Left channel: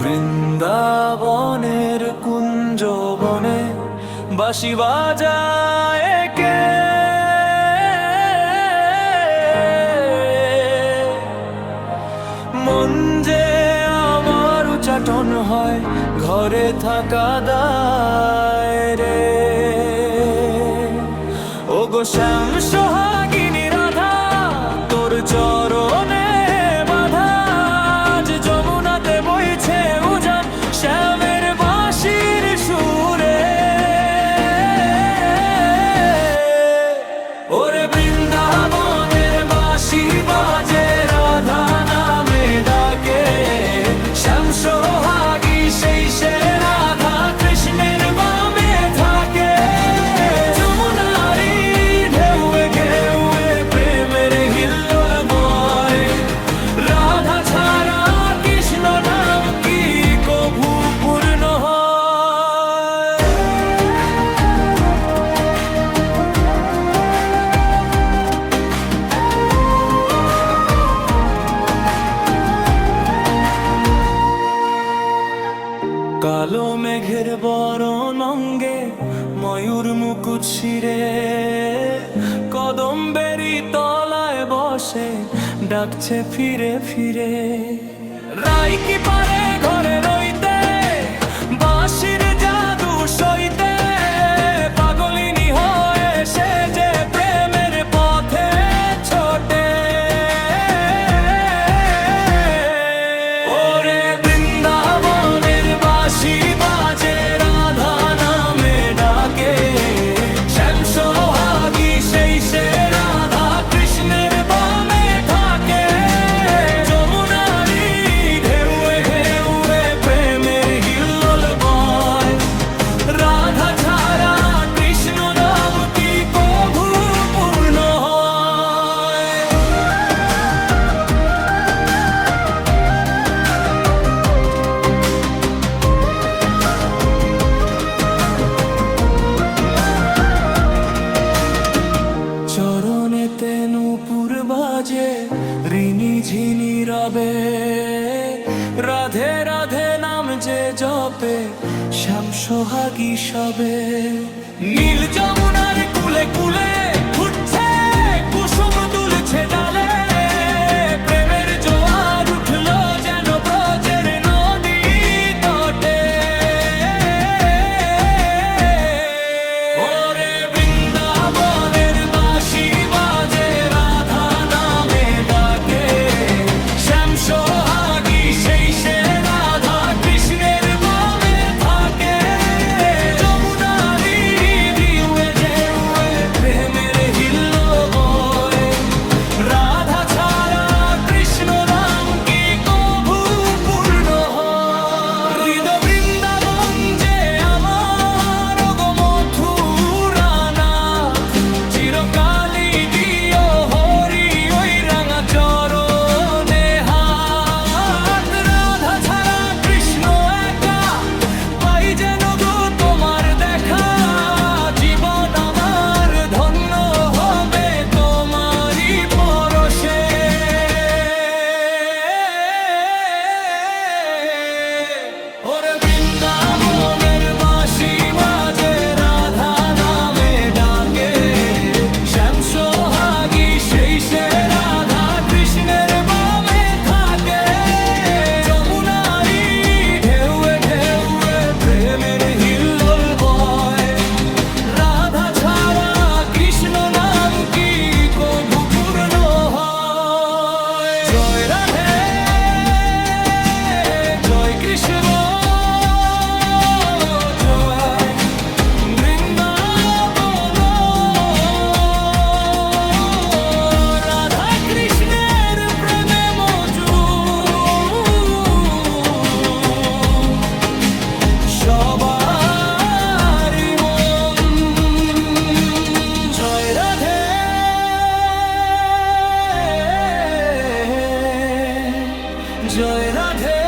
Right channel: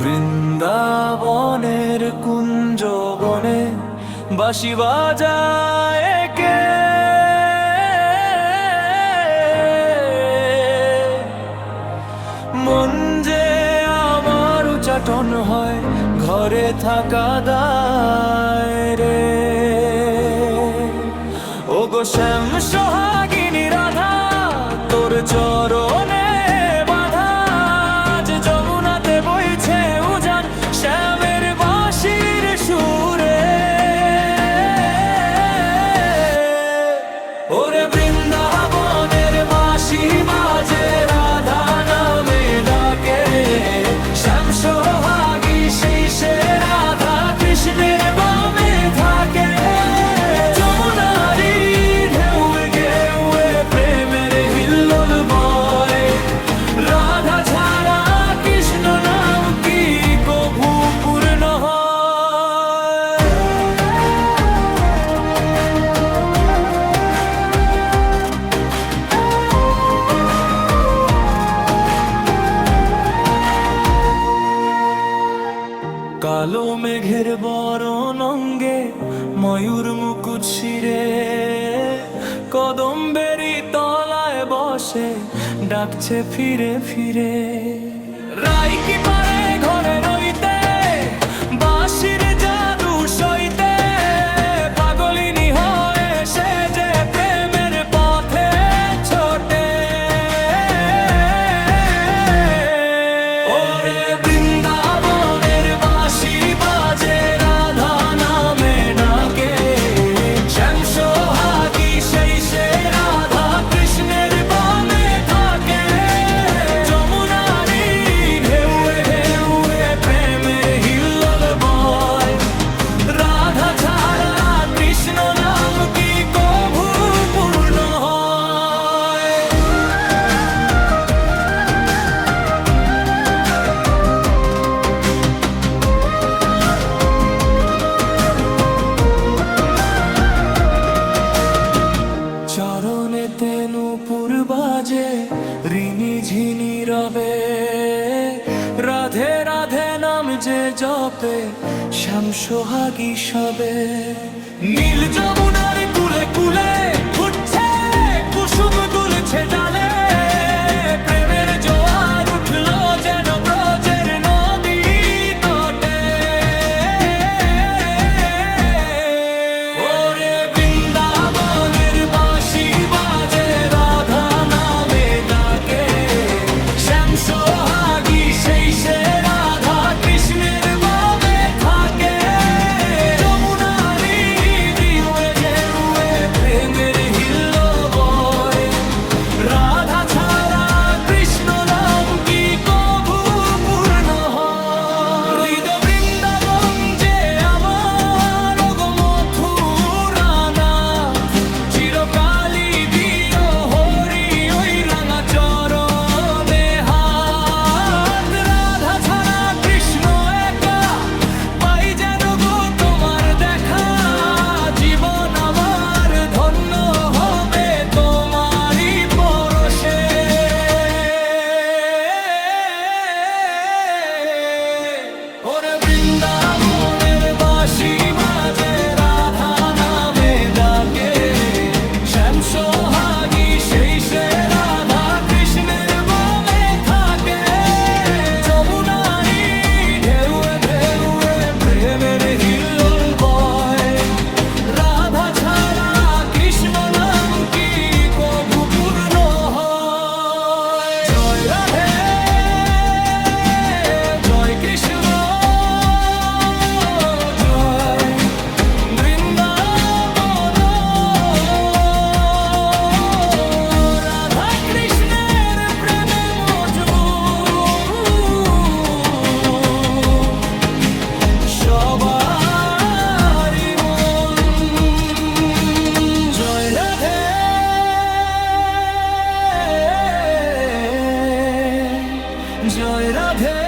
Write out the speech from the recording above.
বৃন্দাবনের কুঞ্জ বনে বাঁশি বাজায় কে? মন যে আমার উচাটন হয়, ঘরে থাকা দায় রে। ও গো শ্যাম সোহাগিনী রাধা, তোর চরণে বাধা, আজ যমুনাতে বইছে উজান শ্যামের বাঁশির সুরে। ওরে বৃন্দাবনের বাঁশি বাজে, রাধা নামে ডাকে, শ্যাম সোহাগী সেই সে রাধা কৃষ্ণের বামে থাকে। যমুনারি ঢেউয়ে ঢেউয়ে প্রেমের হিল্লোল বয়, রাধা ছাড়া কৃষ্ণ নাম কি কভু পূর্ণ হয়? কালো মেঘের বরণ অঙ্গে, ময়ূর মুকুট শিরে, কদম্বেরি তলায় বসে ডাকছে ফিরে ফিরে। রাই কি পারে ঘরে রইতে, বাঁশির জাদু সইতে, পাগলিনী হয়ে সে যে প্রেমের পথে ছোটে। ওরে বৃন্দাবনের বাঁশি বাজে, রাধা নামে ডাকে, শ্যাম সোহাগী সেই সে রাধা কৃষ্ণের বামে থাকে। যমুনারি ঢেউয়ে ঢেউয়ে প্রেমের হিল্লোল বয়, রাধা ছাড়া কৃষ্ণ নাম কি কভু পূর্ণ হয়? চরণেতে নূপুর বাজে, ঋণী ঝিনি রবে, রাধে রাধে নাম যে জপে, শ্যাম সোহাগী সবে। নীল যমুনার কুলে কুলে ফুটছে কুসুম দুলছে ডালে, প্রেমের জোয়ার উঠলো যেন ব্রজের নদী তটে। ওরে বৃন্দাবনের বাঁশি বাজে, রাধা নামে ডাকে, শ্যাম সোহাগী সেই সে রাধা কৃষ্ণের বামে থাকে। যমুনারি ঢেউয়ে ঢেউয়ে প্রেমের হিল্লোল বয়, রাধা ছাড়া কৃষ্ণ নাম কি কভু পূর্ণ হয়? হৃদয় বৃন্দাবন যে আমার, ওগো মথুরানাথ, চিরকালই দিও হরি ওই রাঙা চরণে হাত। রাধা ছাড়া কৃষ্ণ একা, পাই যেন গো তোমার দেখা, জীবন আমার ধন্য হবে তোমারই পরশে। ওরে বৃন্দাবনের বাঁশি বাজে, রাধা নামে ডাকে, শ্যাম সোহাগী সেই সে রাধা কৃষ্ণের বামে থাকে। যমুনারি ঢেউয়ে ঢেউয়ে প্রেমের হিল্লোল বয়, রাধা ছাড়া কৃষ্ণ নাম কি কভু পূর্ণ হয়? জয় রাধে, জয় কৃষ্ণ, জয় বৃন্দাবন, রাধা কৃষ্ণের প্রেমে মজুদ সবারই মন। জয় রাধে, জয় রাধে।